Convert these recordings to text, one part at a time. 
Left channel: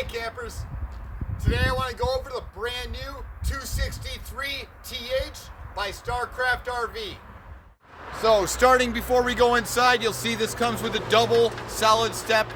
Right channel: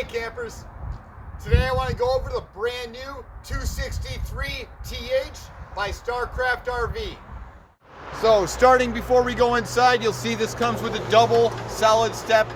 Hey campers, today I want to go over the brand new 263 TH by Starcraft RV. So starting before we go inside, you'll see this comes with a double solid step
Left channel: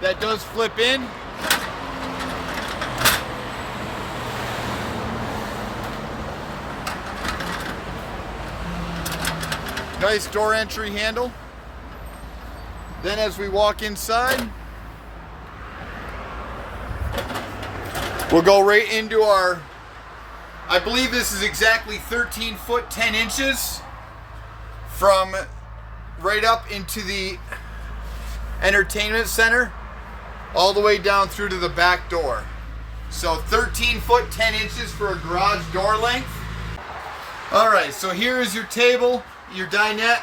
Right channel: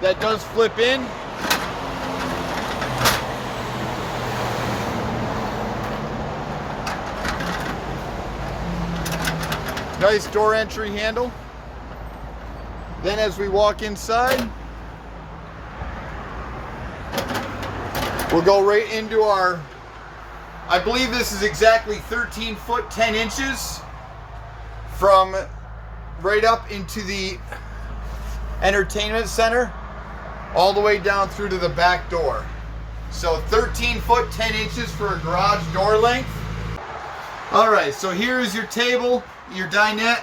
that does flip in. Nice door entry handle. Then as we walk inside, we'll go right into our, I believe this is exactly 13 foot 10 inches from right up into the entertainment center all the way down through to the back door. So 13 foot 10 inches for a garage door length. All right, so here is your table, your dinette.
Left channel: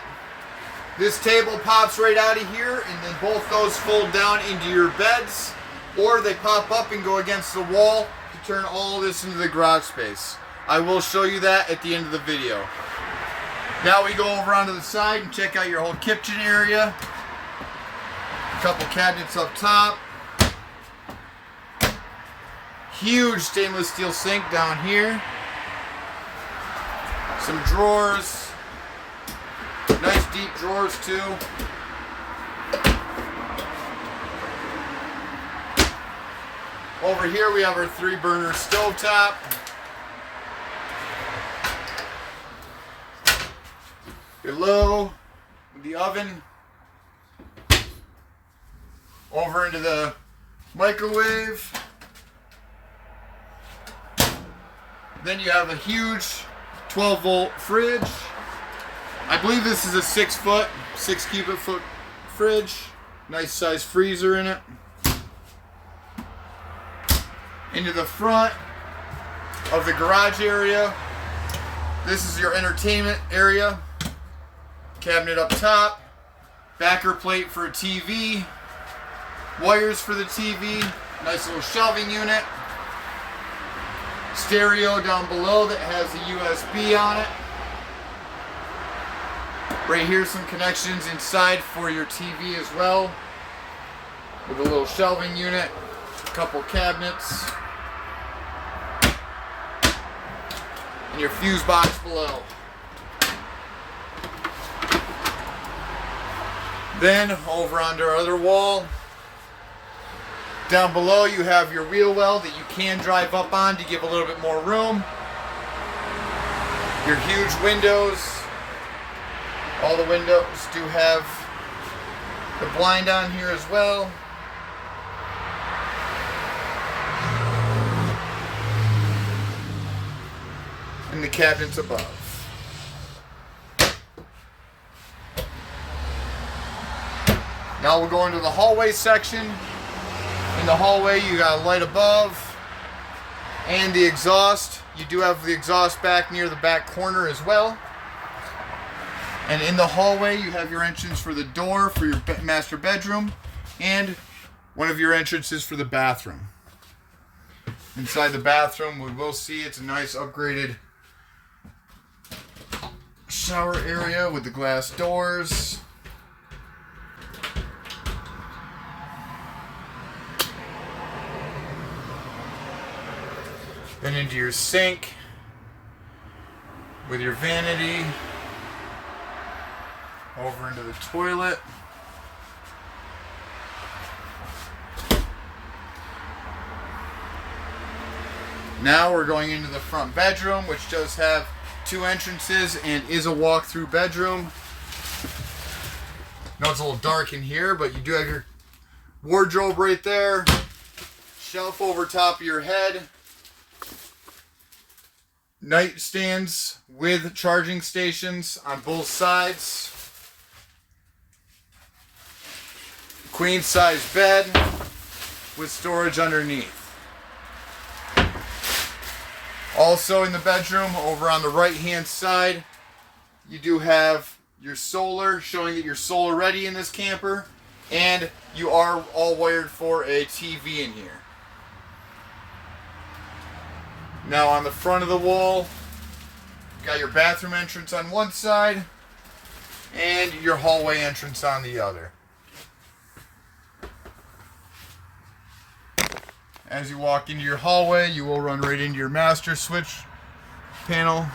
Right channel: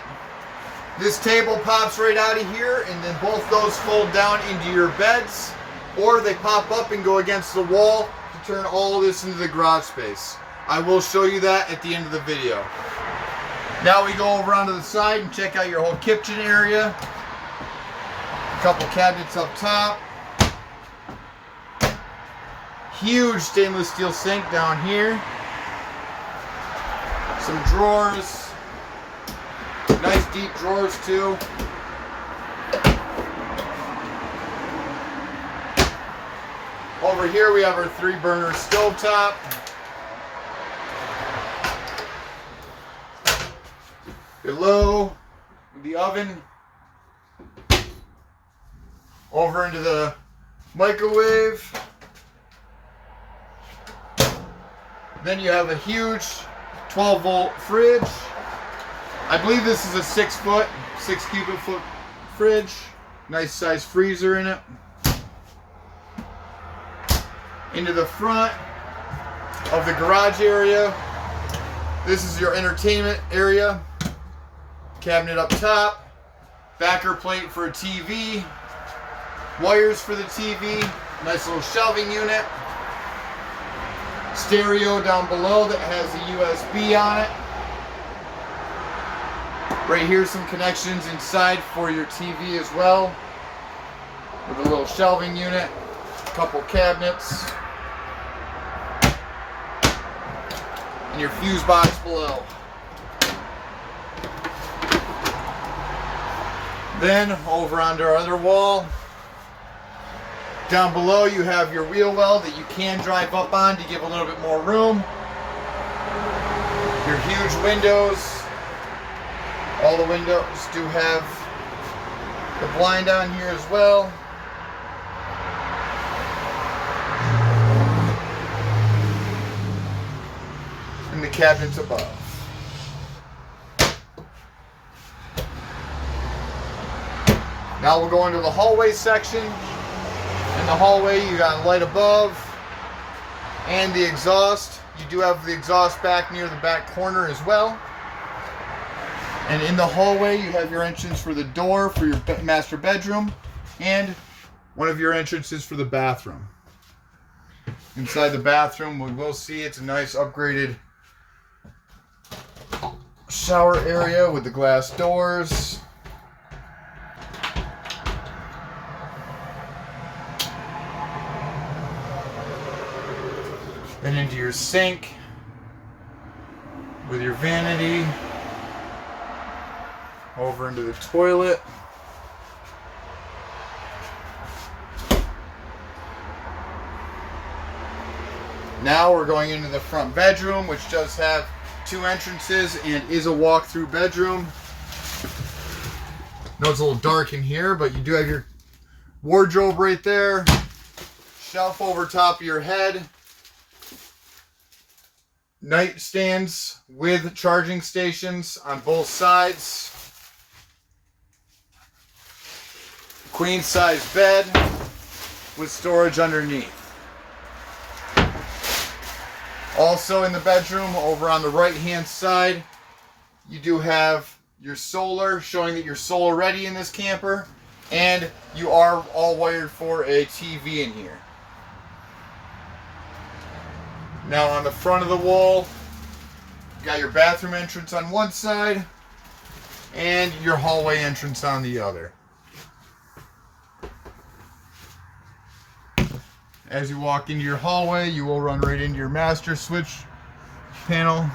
This table pops right out of here, and then both those fold down into your beds, or they pop up and go against the wall to turn all of this into the garage space. I will show you that at the end of the video. Now we go over onto the side and check out your whole kitchen area. A couple cabinets up top. Huge stainless steel sink down here. Some drawers. Nice deep drawers too. Over here we have our 3-burner stovetop. Below the oven. Over into the microwave. Then you have a huge 12-volt fridge. I believe this is a 6 cubic foot fridge. Nice size freezer in it. Into the front of the garage area. This is your entertainment area. Cabinet up top. Backer plate for a TV. Wires for the TV. Nice little shelving unit. Stereo down below that has a USB on it. Right here, some connections inside for your TV as well, with a little shelving unit, a couple cabinets, and your fuse box below. Then over onto our other wall, down below you have your wheel well that you can drive up on to give a little bit more room. Your huge windows. All the windows do have the blind down here as well. And the cabinets above. Now we'll go into the hallway section. In the hallway you got a light above and the exhaust. You do have the exhaust back near the back corner as well. And in the hallway, you have your entrance for the door for your master bedroom and one of your entrances for the bathroom. Inside the bathroom, we will see it's a nice upgraded shower area with the glass doors. Then into your sink with your vanity. Over into the toilet. Now we're going into the front bedroom, which does have 2 entrances and is a walk-through bedroom. I know it's a little dark in here, but you do have your wardrobe right there. Shelf over top of your head. Nightstands with charging stations on both sides. Queen size bed with storage underneath. Also in the bedroom, over on the right hand side, you do have your solar, showing that you're solar ready in this camper, and you are all wired for a TV in here. Now on the front of the wall, you got your bathroom entrance on one side and your hallway entrance on the other. As you walk into your hallway, you will run right into your master switch panel.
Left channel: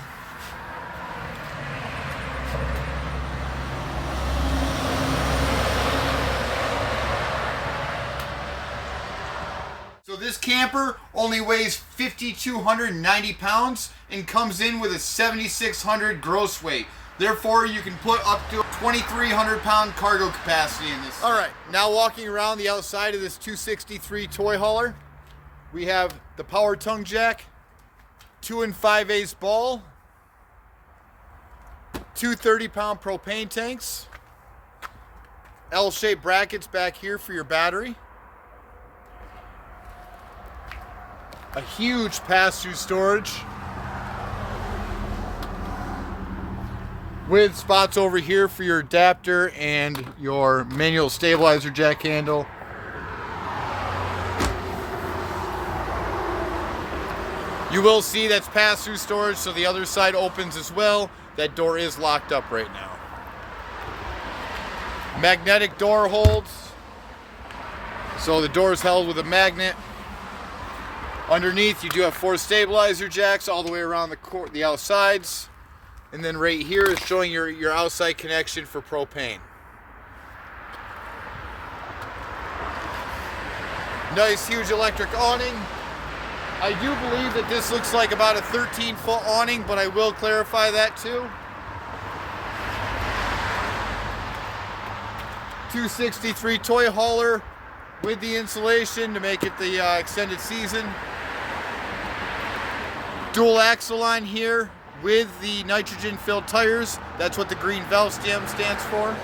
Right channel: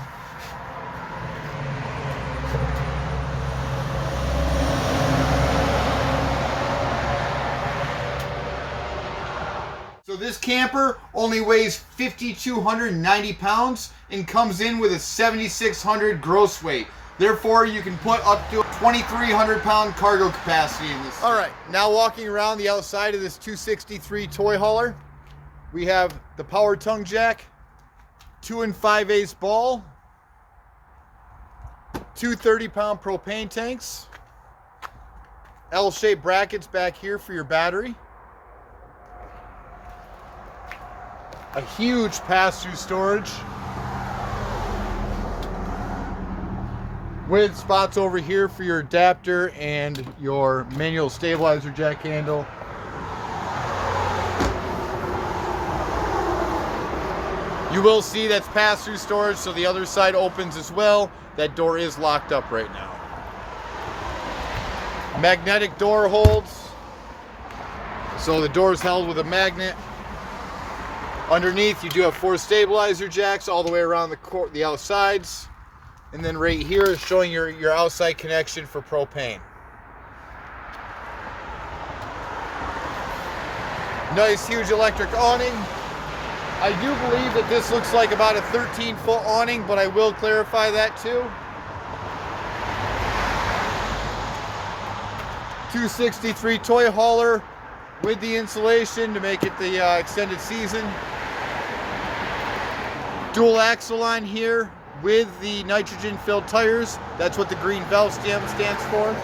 So this camper only weighs 5,290 pounds and comes in with a 7,600 gross weight. Therefore, you can put up to 2,300 pound cargo capacity in this. All right, now walking around the outside of this 263 toy hauler, we have the power tongue jack, 2 5/8 ball, 2 30-pound propane tanks, L-shaped brackets back here for your battery, a huge pass-through storage with spots over here for your adapter and your manual stabilizer jack handle. You will see that's pass-through storage, so the other side opens as well. That door is locked up right now. Magnetic door holds, so the door is held with a magnet. Underneath, you do have 4 stabilizer jacks all the way around the outsides. And then right here is showing your outside connection for propane. Nice huge electric awning. I do believe that this looks like about a 13-foot awning, but I will clarify that too. 263 toy hauler with the insulation to make it the extended season. Dual axle line here with the nitrogen filled tires. That's what the green valve stem stands for.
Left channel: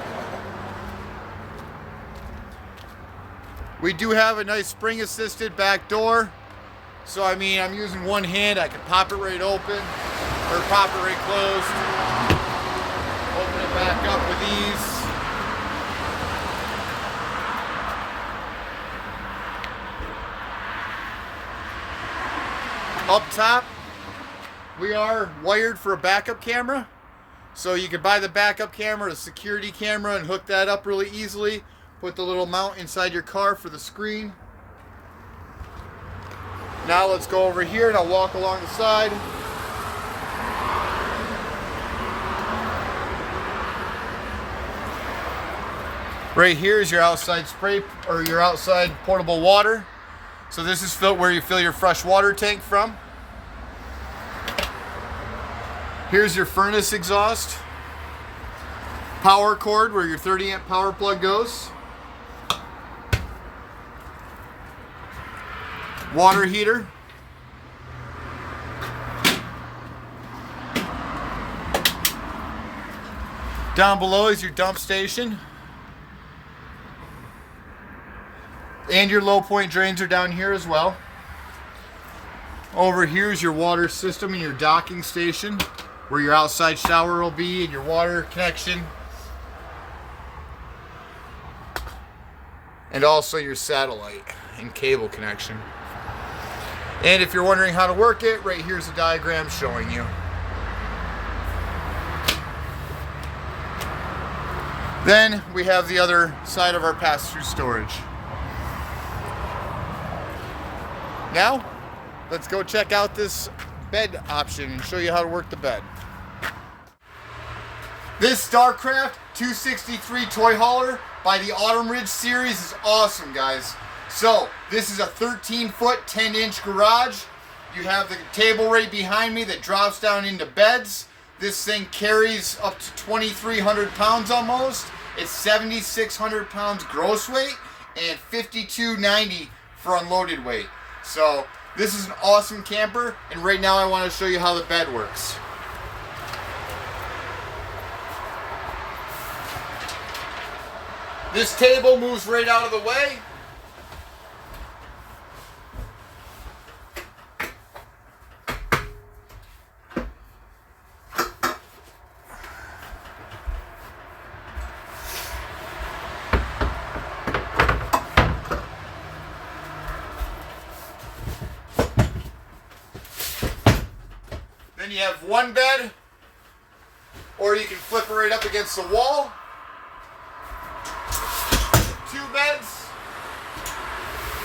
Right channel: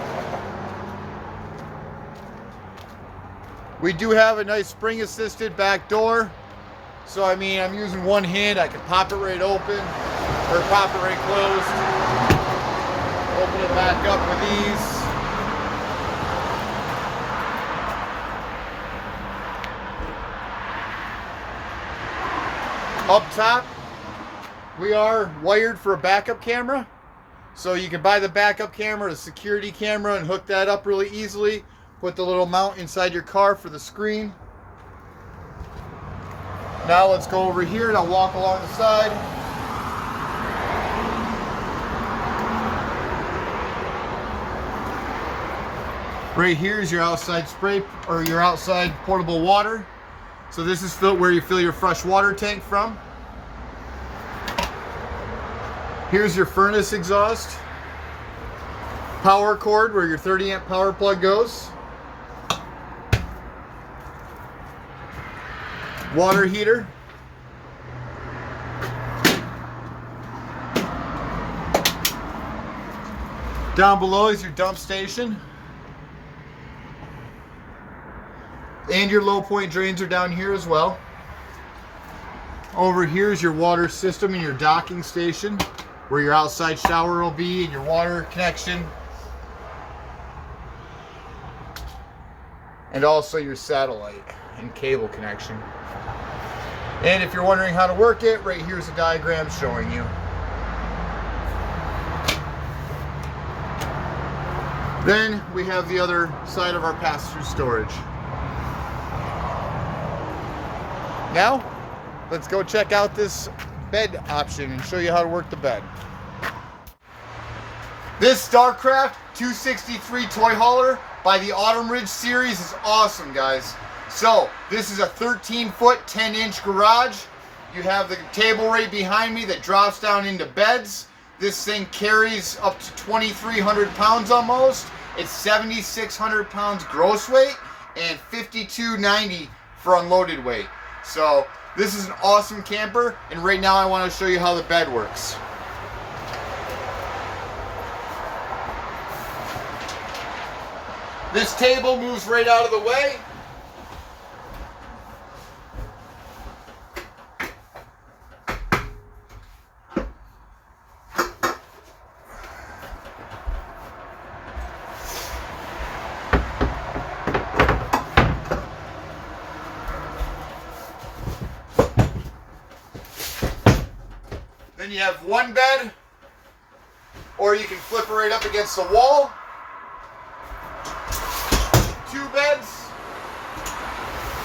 We do have a nice spring assisted back door. So I mean, I'm using one hand, I can pop it right open or pop it right closed. Open it back up with ease. Up top, we are wired for a backup camera. So you can buy the backup camera, a security camera, and hook that up really easily. Put the little mount inside your car for the screen. Now let's go over here and I'll walk along the side. Right here is your outside spray or your outside portable water. So this is where you fill your fresh water tank from. Here's your furnace exhaust. Power cord where your 30-amp power plug goes. Water heater. Down below is your dump station. And your low point drains are down here as well. Over here is your water system and your docking station where your outside shower will be and your water connection. And also your satellite and cable connection. And if you're wondering how to work it, right here's a diagram showing you. Then we have the other side of our pass-through storage. Now, let's go check out this bed option and show you how to work the bed. This Starcraft 263 toy hauler by the Autumn Ridge series is awesome, guys. So, this is a 13-foot, 10-inch garage. You have the table right behind me that drops down into beds. This thing carries up to 2,300 pounds almost. It's 7,600 pounds gross weight and 5,290 for unloaded weight. So, this is an awesome camper, and right now I want to show you how the bed works. This table moves right out of the way. Then you have one bed, or you can flip it right up against the wall. Two beds,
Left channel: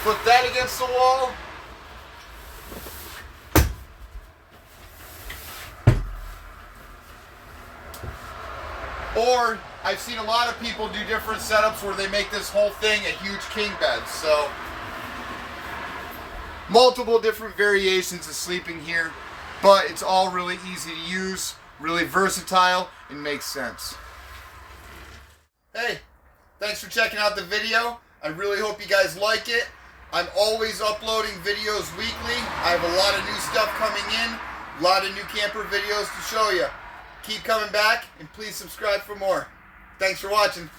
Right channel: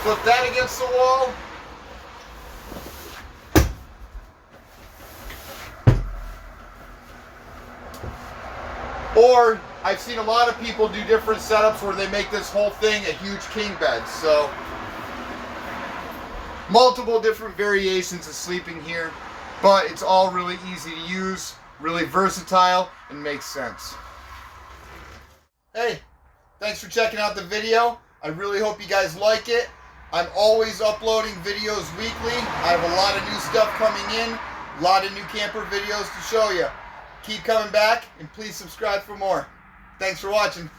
flip that against the wall. Or I've seen a lot of people do different setups where they make this whole thing a huge king bed. So multiple different variations of sleeping here, but it's all really easy to use, really versatile, and makes sense. Hey, thanks for checking out the video. I really hope you guys like it. I'm always uploading videos weekly. I have a lot of new stuff coming in, a lot of new camper videos to show you. Keep coming back, and please subscribe for more. Thanks for watching.